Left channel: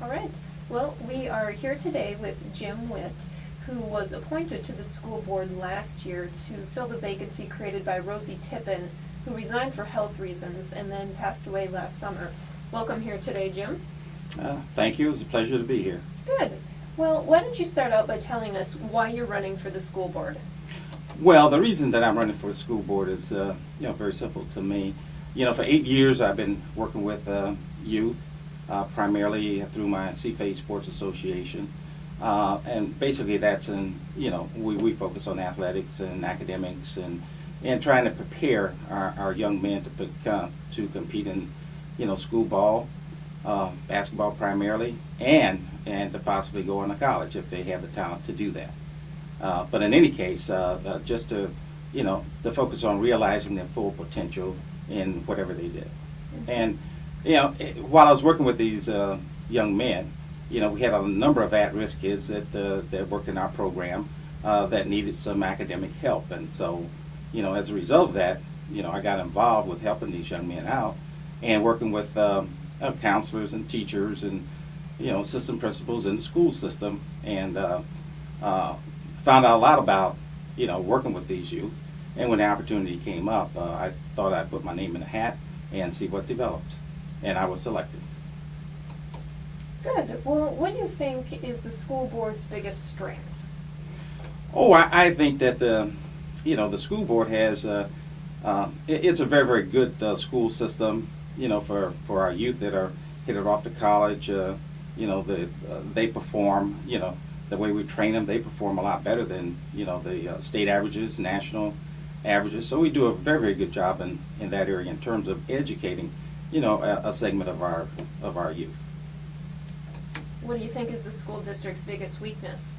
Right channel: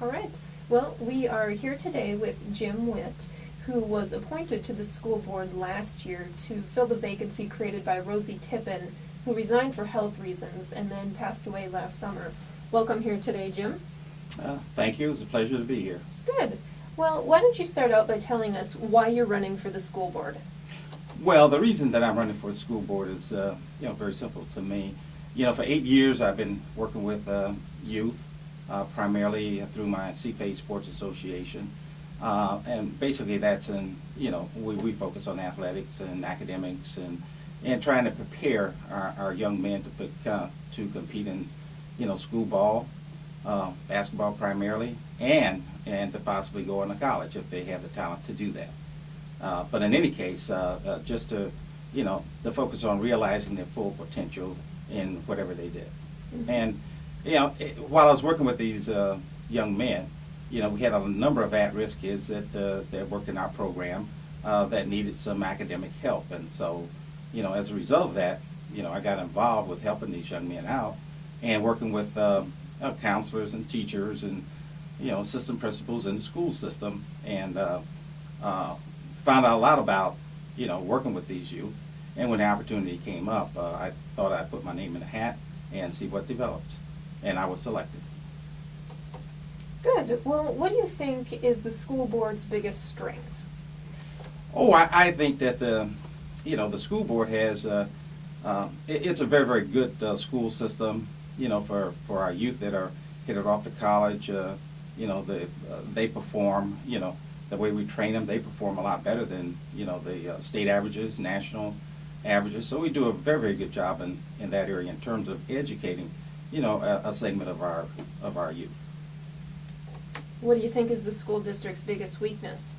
All right. Well, we are here today with Jim Whitt, who was appointed to the school board last year to fill the vacancy created by Rosie Tippin, who resigned for health reasons and then passed away last summer. Welcome here today, Jim. Thank you. It's a pleasure to be here. Good. Well, why don't you start out by telling us why you're running for the school board? Well, the reason that I'm running for the school board is, very simple to me. For 8 years I've been working with youth, primarily through my CFA Sports Association, and basically that's we focus on athletics and academics and trying to prepare our young men to compete in, school ball, basketball primarily, and to possibly go on to college if they have the talent to do that. But in any case, just to focus on realizing their full potential in whatever they did. Mm-hmm. And, while I was working with these young men, we had a number of at-risk kids that worked in our program that needed some academic help. And so, as a result of that, I got involved with helping these young men out and working with counselors and teachers and, assistant principals in the school system, and found out a lot about, working with these youth. And when the opportunity came up, I thought I'd put my name in a hat and see what developed. And I was selected. Good. Well, what do you think is the school board's biggest strength? Oh, I think that the school board has, it's a very, very good school system, for our youth that are headed off to college. They perform, the way we train them, they perform a lot better than, the state averages, national averages. So we do a very, very good job in that area in terms of educating, a segment of our youth. What do you think is the school district's biggest weakness?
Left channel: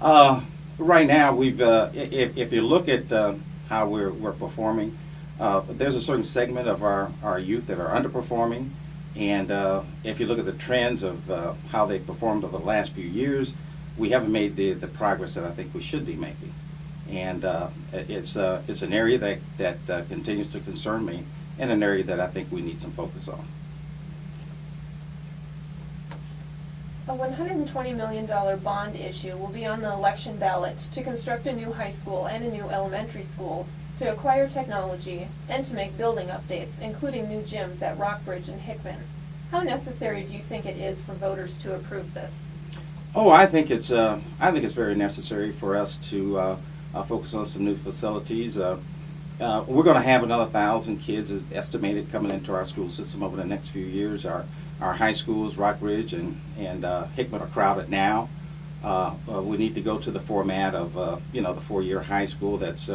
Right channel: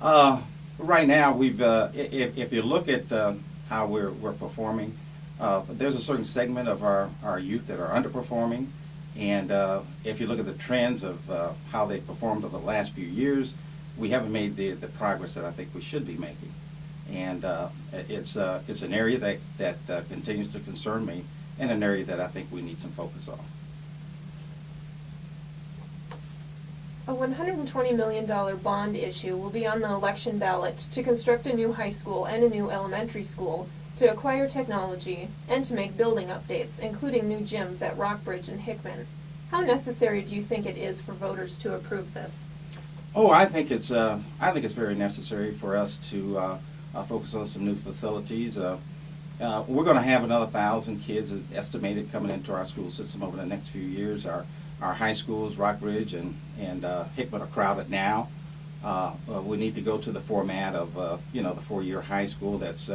Right now, if you look at how we're performing, there's a certain segment of our youth that are underperforming, and if you look at the trends of how they performed over the last few years, we haven't made the progress that I think we should be making, and it's an area that continues to concern me, and an area that I think we need some focus on. A $120 million bond issue will be on the election ballot to construct a new high school and a new elementary school, to acquire technology, and to make building updates, including new gyms at Rockbridge and Hickman. How necessary do you think it is for voters to approve this? Oh, I think it's very necessary for us to focus on some new facilities. We're going to have another 1,000 kids estimated coming into our school system over the next few years. Our high schools, Rockbridge and Hickman, are crowded now. We need to go to the format of the 4-year high school. That's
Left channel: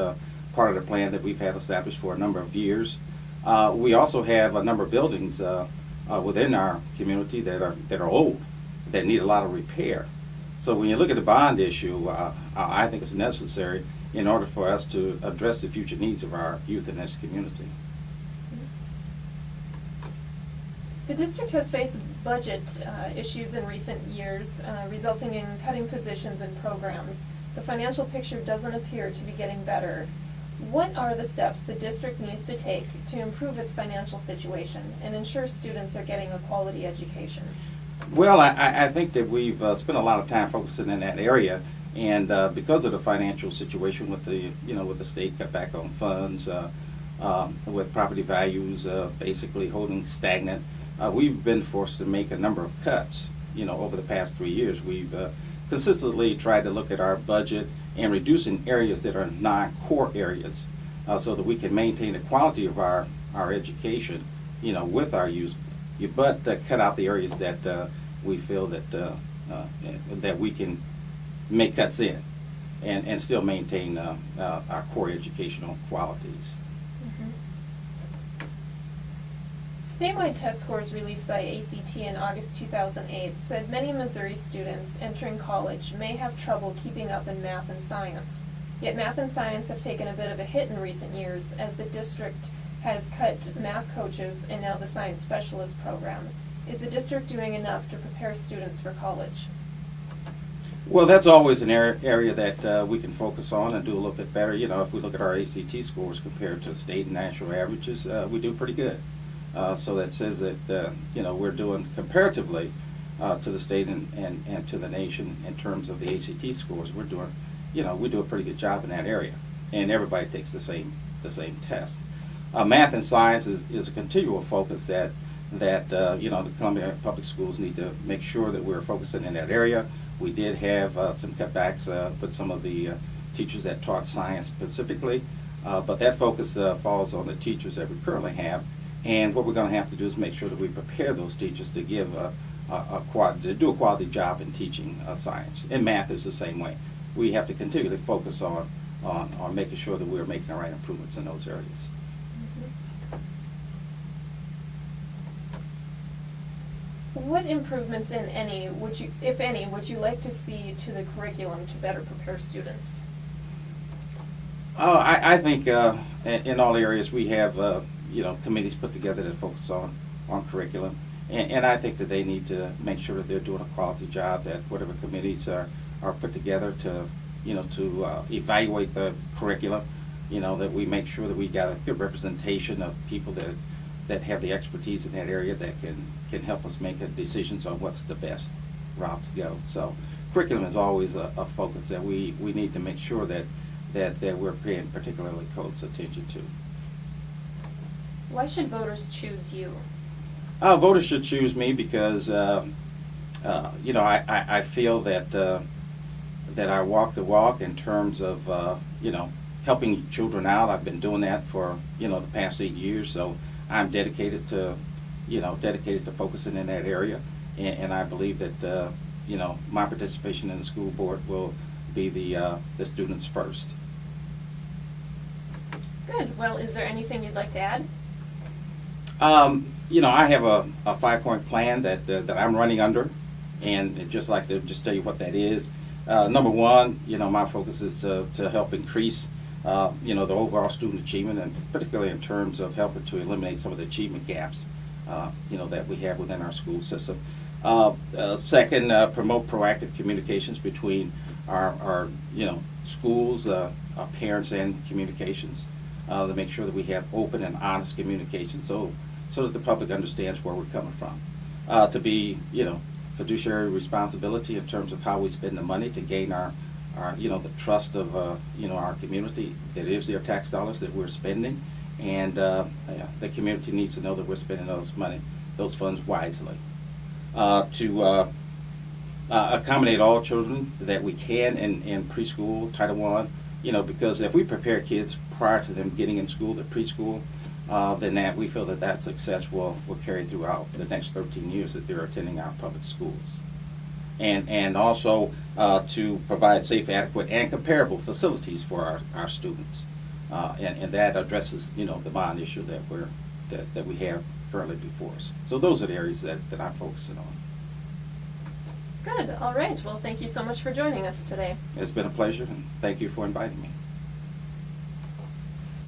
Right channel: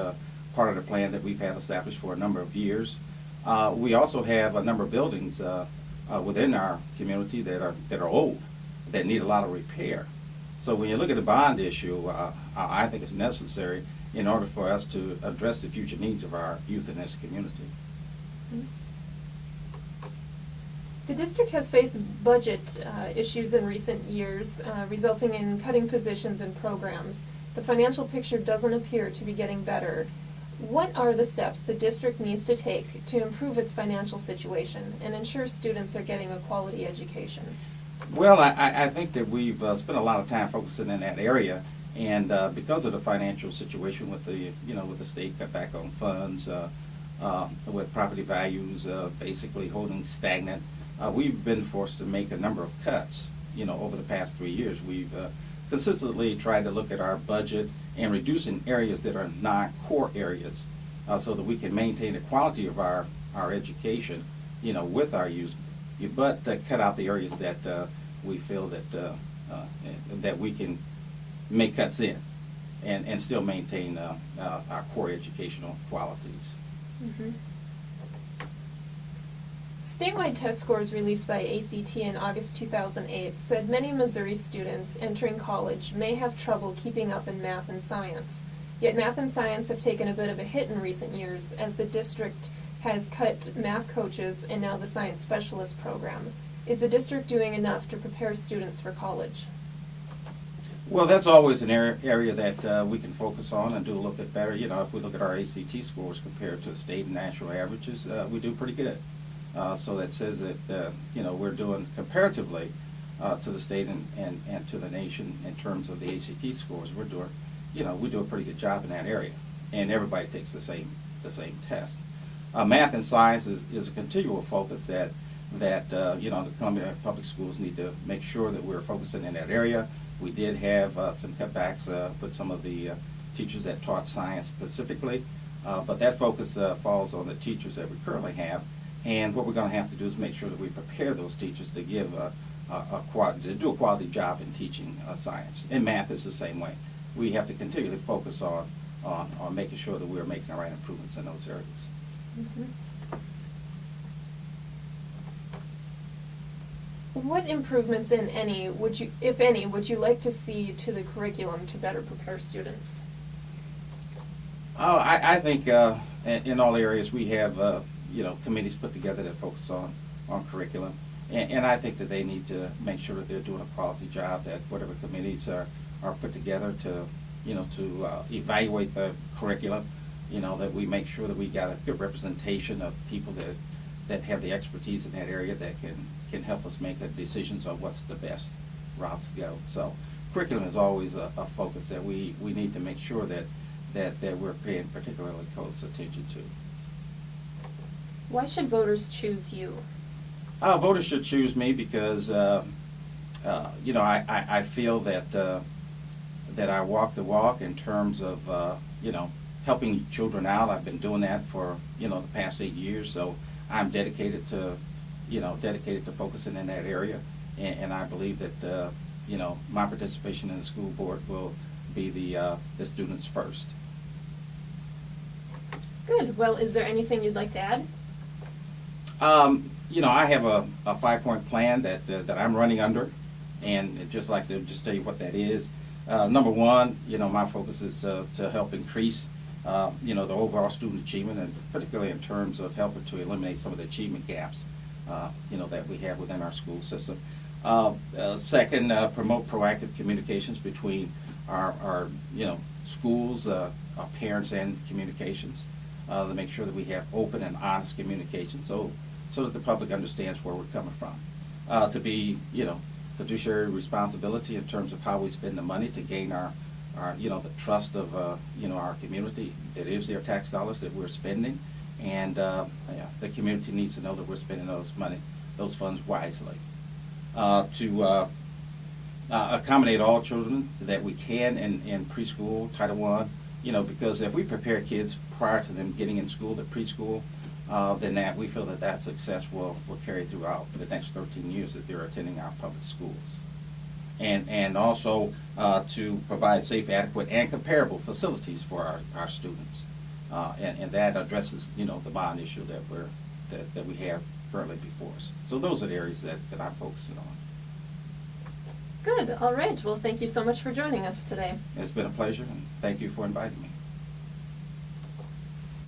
part of the plan that we've had established for a number of years. We also have a number of buildings within our community that are old, that need a lot of repair. So when you look at the bond issue, I think it's necessary in order for us to address the future needs of our youth in this community. Mm-hmm. The district has faced budget issues in recent years, resulting in cutting positions and programs. The financial picture doesn't appear to be getting better. What are the steps the district needs to take to improve its financial situation and ensure students are getting a quality education? Well, I think that we've spent a lot of time focusing in that area, and because of the financial situation with the state cutback on funds, with property values basically holding stagnant, we've been forced to make a number of cuts. Over the past 3 years, we've consistently tried to look at our budget and reduce in areas that are non-core areas, so that we can maintain the quality of our education, with our youth, but cut out the areas that we feel that we can make cuts in and still maintain our core educational qualities. Mm-hmm. Statewide test scores released by ACT in August 2008 said many Missouri students entering college may have trouble keeping up in math and science. Yet math and science have taken a bit of a hit in recent years as the district has cut math coaches and now the science specialist program. Is the district doing enough to prepare students for college? Well, that's always an area that we can focus on and do a little bit better. If we look at our ACT scores compared to state and national averages, we do pretty good. So that says that we're doing comparatively to the state and to the nation in terms of the ACT scores. We do a pretty good job in that area, and everybody takes the same test. Math and science is a continual focus that the Columbia Public Schools need to make sure that we're focusing in that area. We did have some cutbacks with some of the teachers that taught science specifically, but that focus falls on the teachers that we currently have. And what we're going to have to do is make sure that we prepare those teachers to give to do a quality job in teaching science. And math is the same way. We have to continually focus on making sure that we're making the right improvements in those areas. Mm-hmm. What improvements, if any, would you like to see to the curriculum to better prepare students? Oh, I think in all areas we have committees put together that focus on curriculum, and I think that they need to make sure that they're doing a quality job. That whatever committees are put together to evaluate the curriculum, that we make sure that we got a good representation of people that have the expertise in that area that can help us make decisions on what's the best route to go. So curriculum is always a focus that we need to make sure that we're paying particularly close attention to. Why should voters choose you? Voters should choose me because I feel that I walk the walk in terms of helping children out. I've been doing that for the past 8 years, so I'm dedicated to focusing in that area, and I believe that my participation in the school board will be the students first. Good. Well, is there anything you'd like to add? I have a 5-point plan that I'm running under, and I'd just like to tell you what that is. Number one, my focus is to help increase the overall student achievement, and particularly in terms of helping to eliminate some of the achievement gaps that we have within our school system. Second, promote proactive communications between our schools, our parents, and communications. To make sure that we have open and honest communication, so that the public understands where we're coming from. To be fiduciary responsibility in terms of how we spend the money to gain our the trust of our community. That is their tax dollars that we're spending, and the community needs to know that we're spending those funds wisely. To accommodate all children that we can in preschool, Title I, because if we prepare kids prior to them getting in school, the preschool, then we feel that success will carry throughout the next 13 years that they're attending our public schools. And also to provide safe, adequate, and comparable facilities for our students. And that addresses, the bond issue that we have currently before us. So those are the areas that I'm focusing on. Good. All right. Well, thank you so much for joining us today. It's been a pleasure, and thank you for inviting me.